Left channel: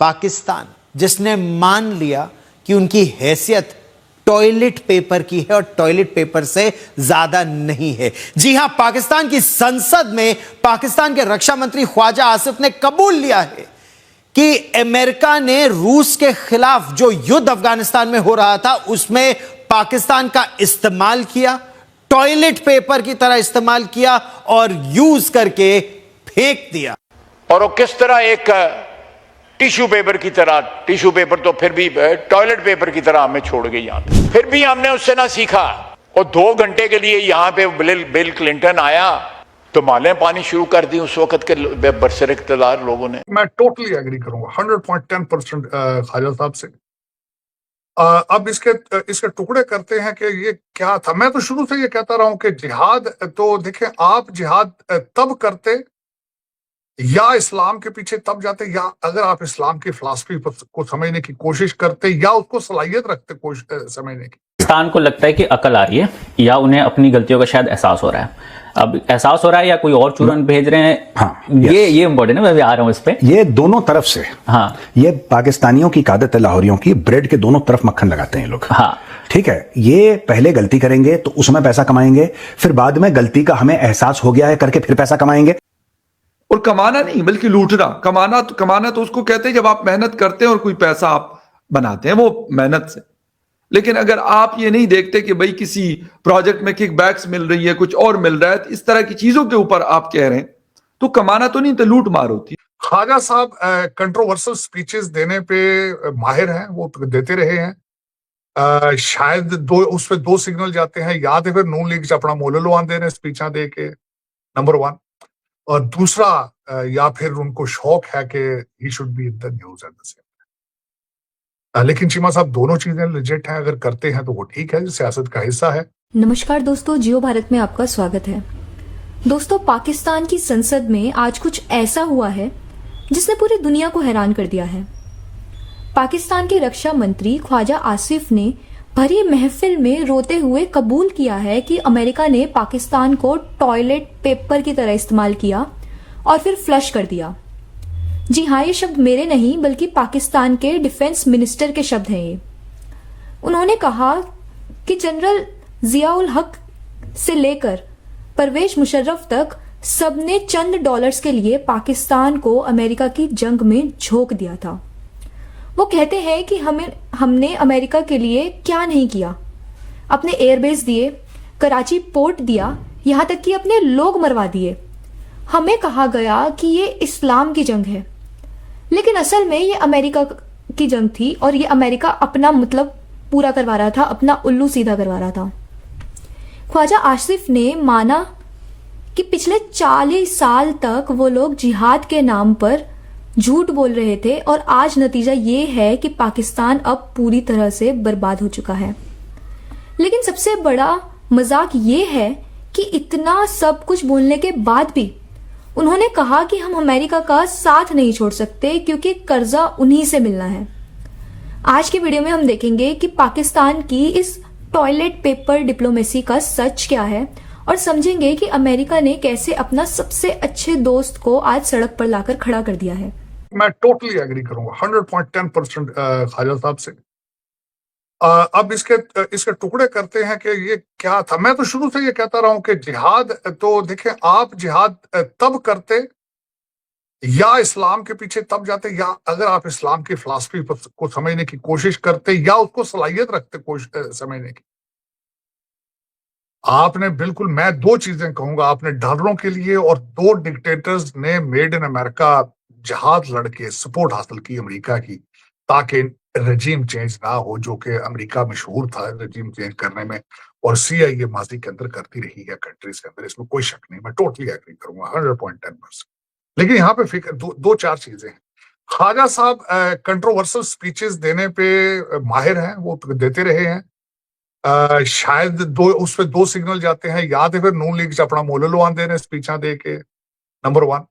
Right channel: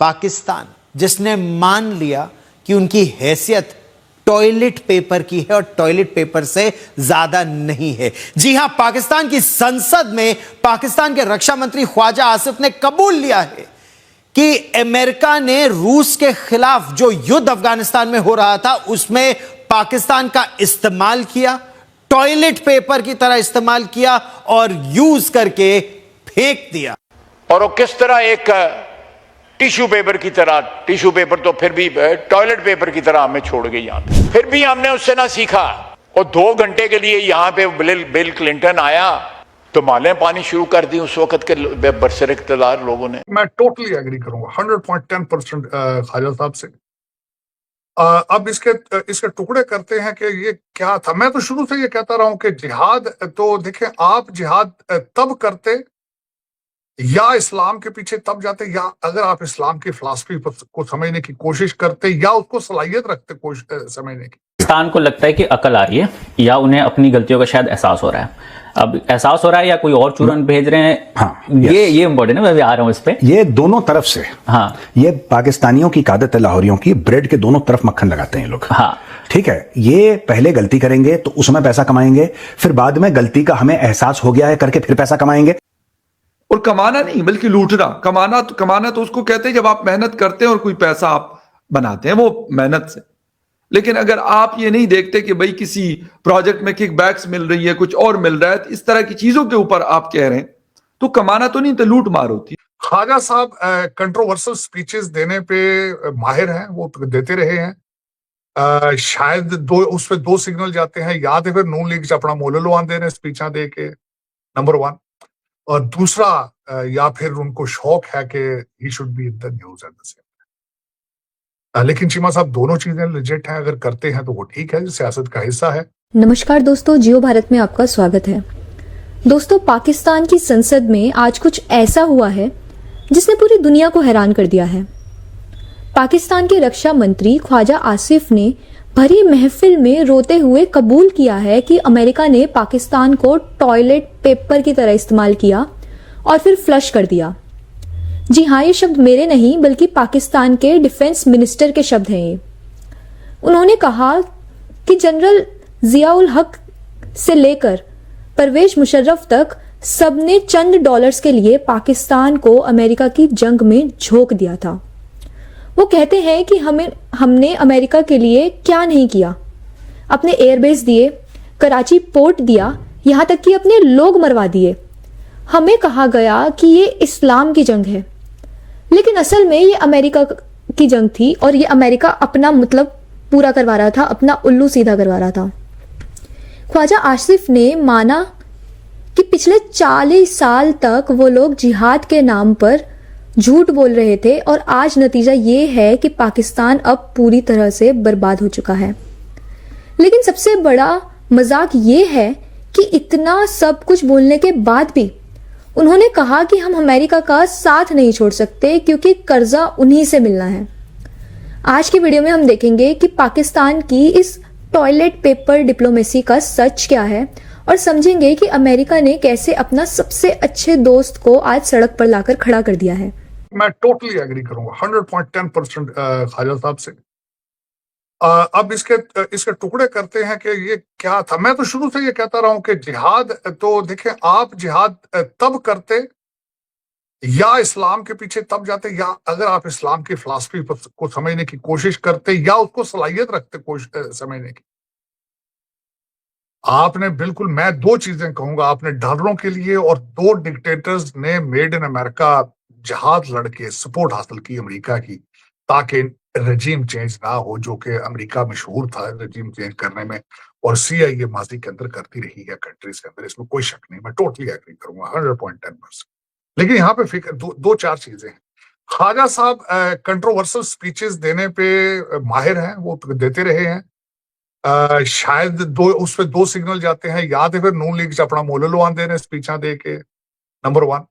पाकिस्तान, जिसने मान लिया कि उनकी हैसियत टॉयलेट पेपर की है और टॉयलेट पेपर से ज्यादा नहीं है। जी हां, पाकिस्तान की संसद में पाकिस्तान के रक्षा मंत्री ख्वाजा आसिफ ने कबूल लिया है कि अमेरिका ने रूस के खिलाफ जो युद्ध अफगानिस्तान में हो रहा था उसमें पाकिस्तान का इस्तेमाल किया, टॉयलेट पेपर की तरह इस्तेमाल किया और यूज करके फेंक दिया। और वो किस तरह एक टिश्यू पेपर की तरह, टिश्यू पेपर तो फिर भी टॉयलेट पेपर की तरह हमें छोड़ गई यहां पे। फिर भी हमने उससे ना सीखा। और 2 घंटे के लिए यहां पे बिल क्लिंटन आया तो मालें पानी शुरू कर दी उस वक्त के बरसर इक़्तिदार लोगों ने। मैं टोटली एग्री करूंगा 100.10% ख्वाजा साहब से। अब इसके टुकड़े करते हैं कि ये क्या था। मैं तो शुरू से ये कहता रहा हूं कि जिहाद, तो देखें, आप जिहाद तब करते या इस्लाम के पीछे तब जाते, या अगर आप इस्लाम की फिलॉसफी को समझने की कोशिश करते या उसको सलाहियत रखते समझने की। पाकिस्तान को लगता है कि अकल आ रही है या उन्हें अपनी गलतियों का शायद एहसास हो रहा है। अब एहसास हो रहा है या कोई और चूरन भेज रहे हैं, ये इम्पोर्टेंट है। मैं भी आ रहा हूँ इस पे। ये दोनों तरफ से, हाँ, ये पाकिस्तानियों की आदत है, लाहौरियों की, ब्रेड के दोनों तरफ मक्खन लगाते हैं लोग। हाँ, ठीक है, ये पहले गलती करेंगे तो उसमें पैसा कमाएंगे, फिर बाद में गलती का हमें एहसास हो गया है करके फिर पैसा कमाएंगे। और कमाना नहीं बल्कि लूटना। कमाना तो उसको कहते हैं जब आप मेहनत करते हैं और कोई पैसा आप बनाते हैं वो मेहनत से। लेकिन अगर आप ये नहीं देखते कि भाई किसी प्रोजेक्ट में किकबैक्स मिल रही है, कुछ और मिल रहा है, तो इस तरह की चीजों के ऊपर आप कह रहे हैं, तो कमाना तो नहीं, तो लूट मार होती है। ख्वाजा साहब कंट्रोवर्शियल स्पीचेस देने पे माहिर हैं, वो देते रहे हैं। शायद उस पे 2 सिग्नल जाते हैं, या तो फिर नून लीग अपना मोललो आंदे ने स्पीचा दे के, नंबर 1, और दूसरा या फिर उनको शौक है कि he should be in the news at the same. लेकिन चीमा साहब, दोनों चीजें लेजिट हैं, अगर करते हैं तो वो ठीक है, सियासत का हिस्सा है। नमस्कार दोस्तों, जियो भारत में आपका स्वागत है। दोस्तों, पाकिस्तान की संसद में आज कुछ ऐसा हुआ है जिसने पूरी दुनिया को हैरान कर दिया है। पाकिस्तान के रक्षा मंत्री ख्वाजा आसिफ ने भरी महफिल में रोते हुए कबूल किया है कि अमेरिका ने पाकिस्तान को टॉयलेट पेपर की तरह इस्तेमाल किया और फिर फ्लश कर दिया। जी हाँ, ये शब्द मेरे नहीं बल्कि पाकिस्तान के डिफेंस मिनिस्टर के शब्द हैं ये। उन्होंने कहा कि जनरल जियाउल हक से लेकर परवेज मुशर्रफ तक सबने चंद डॉलर्स के लिए पाकिस्तान को अमेरिका की जंग में झोंक दिया था। वो कहते हैं कि हमने अमेरिका के लिए क्या नहीं किया। अपने एयरबेस दिए, कराची पोर्ट दिया, यहाँ तक कि अपने लोग मरवा दिए। हमें कहा गया कि ये इस्लाम की जंग है, लेकिन असल में ये अमेरिका की जंग थी और ये अमेरिका अपना मतलब पूरा करवा रहा था, अपना उल्लू सीधा करवा रहा था। ख्वाजा आसिफ ने माना कि पिछले 40 साल तक वो लोग जिहाद के नाम पर झूठ बोल रहे थे और आज नतीजा ये है कि पाकिस्तान अब पूरी तरह से बर्बाद हो चुका है। लेकिन सबसे बड़ा मजाक ये है कि इतना सब कुछ बोलने के बाद भी उन्होंने कहा कि हम अमेरिका का साथ नहीं छोड़ सकते क्योंकि कर्जा उन्हीं से मिलना है। आज के वीडियो में हम देखेंगे कि पाकिस्तान की इस टॉयलेट पेपर डिप्लोमेसी का सच क्या है और समझेंगे कि अमेरिका ने कैसे अपना सबसे अच्छे दोस्त को आज सड़क पर लाकर खड़ा कर दिया है। मैं टोटली एग्री करूंगा 100.10% ख्वाजा साहब से। अब इसके टुकड़े करते हैं कि ये क्या था। मैं तो शुरू से ये कहता रहा हूं कि जिहाद, तो देखें, आप जिहाद तब करते या इस्लाम के पीछे तब जाते, या अगर आप इस्लाम की फिलॉसफी को समझने की कोशिश करते या उसको सलाहियत रखते समझने की। आपने बिल्कुल, मैं 2 चीजें कहूंगा, आपने डॉलरों के लिए और 2 डिक्टेटर्स ने मेड इन अमेरिका जहाद लड़के सपोर्ट हासिल की अमेरिका की, ताकि रजीम चेंज ना हो, जो कि अमेरिका मशहूर था रजीम चेंज करने में, और CIA माजी के अंदर करती रही है कंट्रीज के अंदर, इसमें कोई शक नहीं। मैं टोटली एग्री करूंगा 100.10%। लेकिन यहाँ पे फिक्र 2-4 चीजें हैं। ख्वाजा साहब कंट्रोवर्शियल स्पीचेस देने पे माहिर हैं, वो देते रहे हैं। शायद उस पे 2 सिग्नल जाते हैं, या तो फिर नून लीग अपना मोललो आंदे ने स्पीचा दे के, नंबर 1,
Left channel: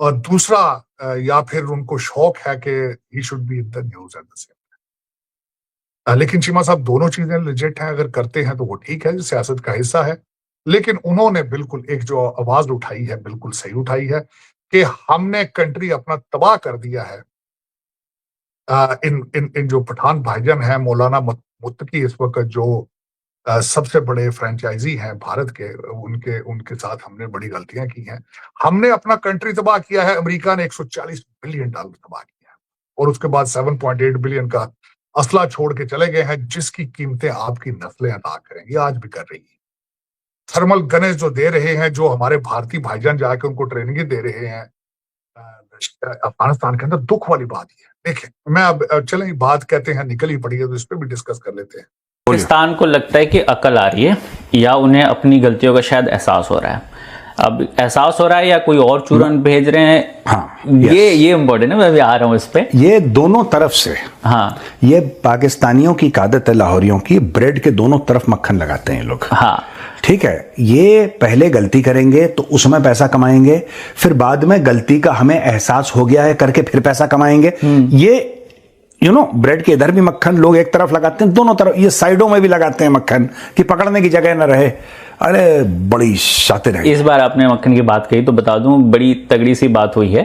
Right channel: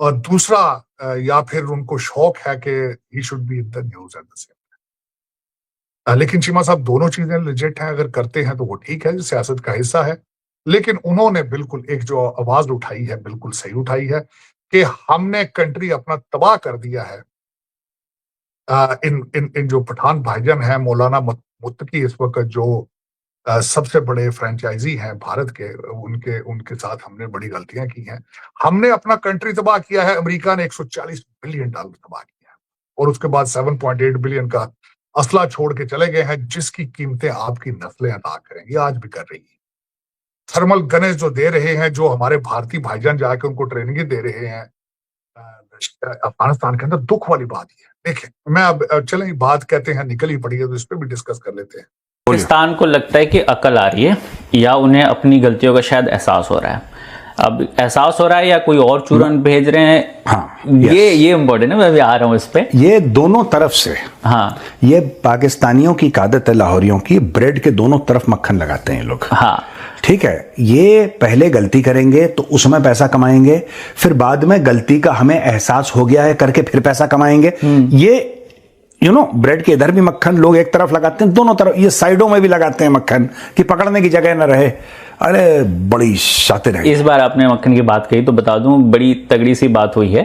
और दूसरा या फिर उनको शौक है कि he should be in the news at the same. लेकिन चीमा साहब, दोनों चीजें लेजिट हैं, अगर करते हैं तो वो ठीक है, सियासत का हिस्सा है। लेकिन उन्होंने बिल्कुल एक जो आवाज उठाई है बिल्कुल सही उठाई है कि हमने कंट्री अपना तबाह कर दिया है इन इन इन जो पठान भाईजान हैं, मौलाना मुत्तकी इस वक्त जो सबसे बड़े फ्रेंचाइजी हैं भारत के, उनके उनके साथ हमने बड़ी गलतियां की हैं। हमने अपना कंट्री तबाह किया है, अमेरिका ने $140 बिलियन तबाह किया है, और उसके बाद 7.8 बिलियन का असला छोड़ के चले गए हैं, जिसकी कीमतें आपकी नस्लें अदा करेंगी, आज भी कर रही है। थर्मल गनेज जो दे रहे हैं, जो हमारे भारतीय भाईजान जाके उनको ट्रेनिंग दे रहे हैं अफगानिस्तान के अंदर, दुख वाली बात ही है। देखें, मैं अब चलें, बात कहते हैं निकल ही पड़ी है, तो इस पर भी डिस्कस कर लेते हैं। पाकिस्तान को लगता है कि अकल आ रही है या उन्हें अपनी गलतियों का शायद एहसास हो रहा है। अब एहसास हो रहा है या कोई और चूरन भेज रहे हैं, हाँ, ये इम्पोर्टेंट है। मैं भी आ रहा हूं इस पे। ये दोनों तरफ से, हाँ, ये पाकिस्तानियों की आदत है, लाहौरियों की, ब्रेड के दोनों तरफ मक्खन लगाते हैं लोग। हाँ, ठीक है, ये पहले गलती करेंगे तो उसमें पैसा कमाएंगे, फिर बाद में गलती का हमें एहसास हो गया है करके फिर पैसा कमाएंगे। ये ब्रेड के इधर भी मक्खन लोग एक तरफ लगाते हैं, दोनों तरफ, ये साइडों में भी लगाते हैं मक्खन कि पकड़ने की जगह न रहे। अरे बड़ी शातिर है। इस बार आपने मक्खन की बात कही तो बता दूं, बड़ी तगड़ी सी बात हुई है।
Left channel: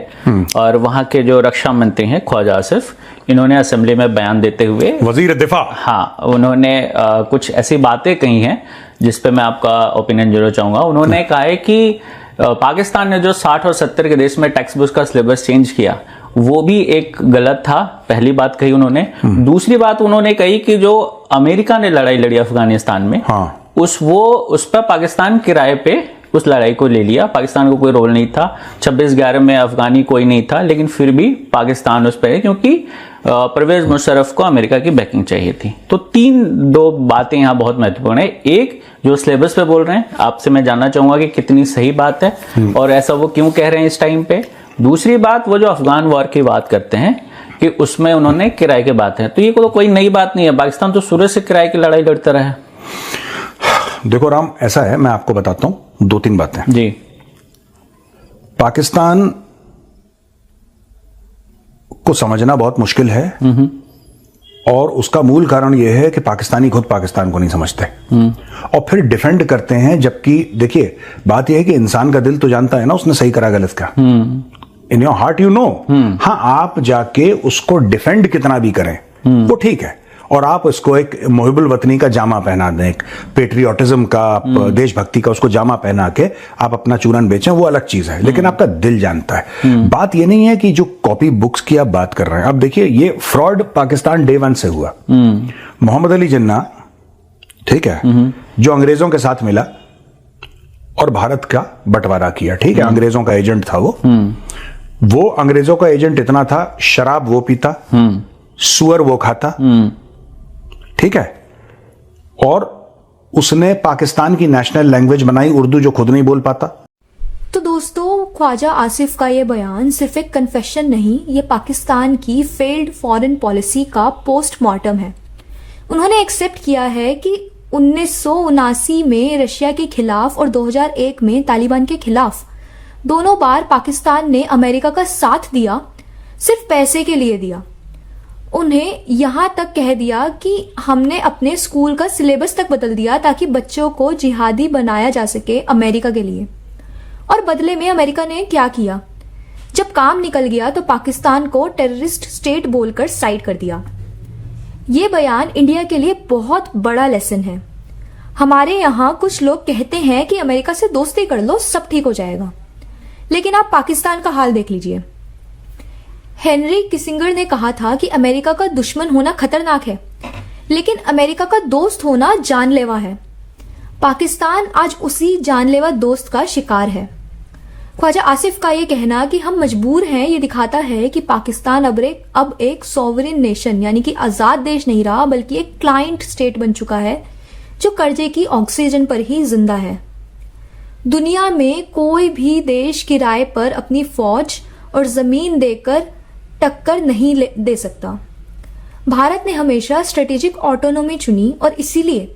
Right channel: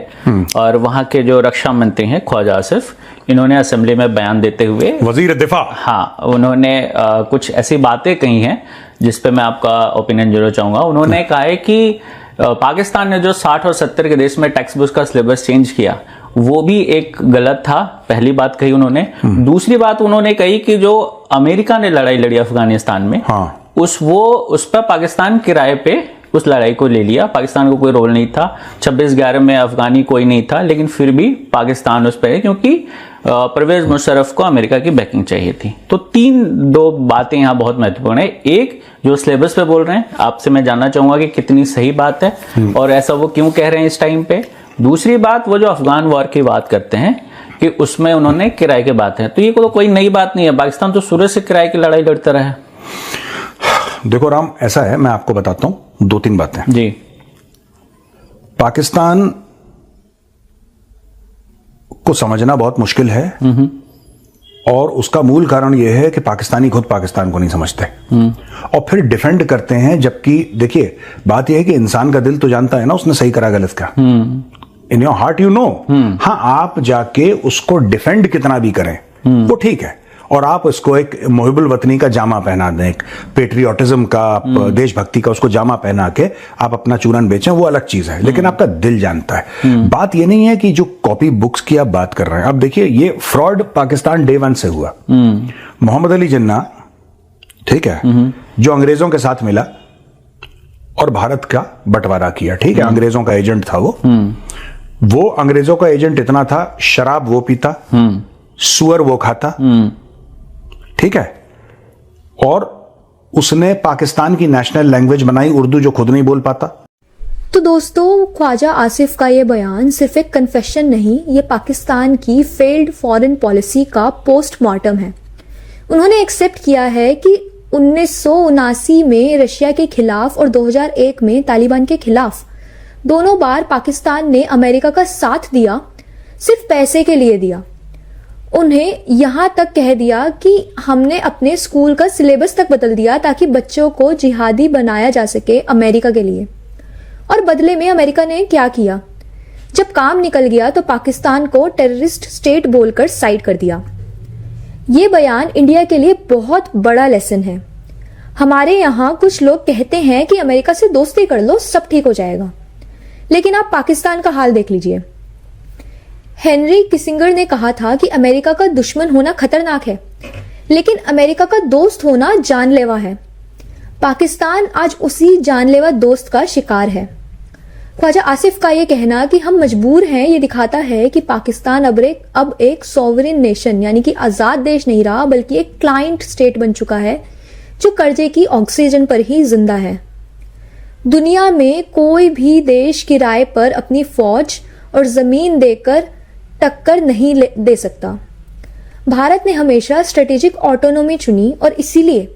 और वहां के जो रक्षा मंत्री हैं ख्वाजा आसिफ, इन्होंने असेंबली में बयान देते हुए, वजीर दिफा, हाँ, उन्होंने कुछ ऐसी बातें कही हैं जिस पे मैं आपका ओपिनियन जरूर चाहूंगा। उन्होंने कहा है कि पाकिस्तान ने जो 60 और 70 के देश में टेक्स्ट बुक का सिलेबस चेंज किया, वो भी एक गलत था। पहली बात कही उन्होंने। दूसरी बात उन्होंने कही कि जो अमेरिका ने लड़ाई लड़ी अफगानिस्तान में, हाँ, उस पर पाकिस्तान किराए पे उस लड़ाई को ले लिया। पाकिस्तान को कोई रोल नहीं था। 26/11 में अफगानी कोई नहीं था, लेकिन फिर भी पाकिस्तान उस पर है क्योंकि परवेज मुशर्रफ को अमेरिका की बैकिंग चाहिए थी। तो दो बातें यहां बहुत महत्वपूर्ण है। एक, जो सिलेबस पे बोल रहे हैं, आपसे मैं जानना चाहूंगा कि कितनी सही बात है और ऐसा वो क्यों कह रहे हैं इस टाइम पे। दूसरी बात, वो जो अफगान वॉर की बात करते हैं कि उसमें उन्होंने किराए की बात है, तो ये कोई नई बात नहीं है। पाकिस्तान तो शुरू से किराए की लड़ाई लड़ता रहा है। देखो राम, ऐसा है, मैं आपको बताता हूं 2-3 बातें जी। पाकिस्तान को समझना बहुत मुश्किल है, और उसका मूल कारण यह है कि पाकिस्तानी खुद पाकिस्तान को नहीं समझते और फिर डिफेंड करते हैं। जबकि देखिए, बात यह है कि इंसान का दिल तो जानता है ना उसने सही करा गलत का। In your heart you know. हाँ, आप जाके उसको डिफेंड कितना भी करें वो ठीक है, और आप उसको एक मुहिबुल वतनी का जामा पहना दें, एक पेट्रियोटिज्म का, देशभक्ति का उसको जामा पहना के आप अपना चूरन बेचें, वो अलग चीज है, लेकिन आपका दिल जानता है। बात ये नहीं है कि जो कॉपी बुक्स की आप बात कर रहे हैं, अब देखिए, ये फ्रॉड पाकिस्तान डे 1 से हुआ। मोहम्मद अली जिन्ना, ठीक है, जो अंग्रेजों के साथ मिला और भारत का बंटवारा किया, ठीक है, अंग्रेजों का एजेंट था वो अंग्रेजों का एजेंट इतना था, शराब वो पीता, सुअर वो खाता, ठीक है, और उसने पाकिस्तान की नेशनल लैंग्वेज बनाई उर्दू, जो खुद नहीं बोल पाता। तो दोस्तों, ख्वाजा आसिफ का ये बयान सिर्फ एक कन्फेशन नहीं, ये पाकिस्तान की फेल्ड फॉरेन पॉलिसी का पोस्टमार्टम है। उन्होंने एक्सेप्ट किया है कि 1979 में रशिया के खिलाफ और 2001 में तालिबान के खिलाफ दोनों बार पाकिस्तान ने अमेरिका का साथ दिया, सिर्फ पैसे के लिए दिया। उन्हें यहां तक कह दिया कि हमने अपने स्कूल का सिलेबस तक बदल दिया ताकि बच्चों को जिहादी बनाया जा सके अमेरिका के लिए। और बदले में अमेरिका ने क्या किया? जब काम निकल गया तो पाकिस्तान को टेररिस्ट स्टेट बोलकर साइड कर दिया। ये बयान इंडिया के लिए बहुत बड़ा लेसन है। हमारे यहाँ कुछ लोग कहते हैं कि अमेरिका से दोस्ती कर लो, सब ठीक हो जाएगा, लेकिन आप पाकिस्तान का हाल देख लीजिए। हेनरी किसिंगर ने कहा था कि अमेरिका का दुश्मन होना खतरनाक है, लेकिन अमेरिका का दोस्त होना जानलेवा है। पाकिस्तान आज उसी जानलेवा दोस्त का शिकार है। ख्वाजा आसिफ का यह कहना कि हम मजबूर हैं, ये दिखाता है कि पाकिस्तान अब एक सॉवरेन नेशन यानी कि आजाद देश नहीं रहा, बल्कि एक क्लाइंट स्टेट बन चुका है जो कर्जे की ऑक्सीजन पर ही जिंदा है। दुनिया में कोई भी देश किराए पर अपनी फौज और जमीन देकर टक्कर नहीं दे सकता। भारत ने हमेशा स्ट्रेटेजिक ऑटोनॉमी चुनी और इसीलिए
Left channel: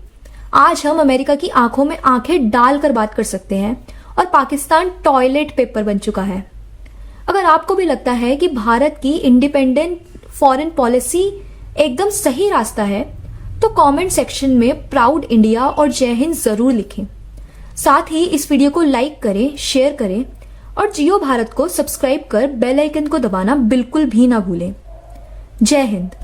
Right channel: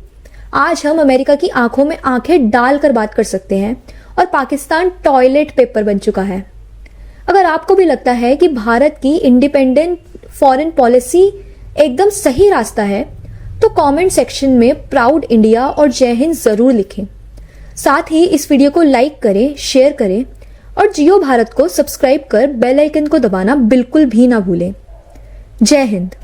आज हम अमेरिका की आंखों में आंखें डालकर बात कर सकते हैं और पाकिस्तान टॉयलेट पेपर बन चुका है। अगर आपको भी लगता है कि भारत की इंडिपेंडेंट फॉरेन पॉलिसी एकदम सही रास्ता है, तो कमेंट सेक्शन में प्राउड इंडिया और जय हिंद जरूर लिखें। साथ ही इस वीडियो को लाइक करें, शेयर करें और जियो भारत को सब्सक्राइब कर बेल आइकन को दबाना बिल्कुल भी ना भूलें। जय हिंद।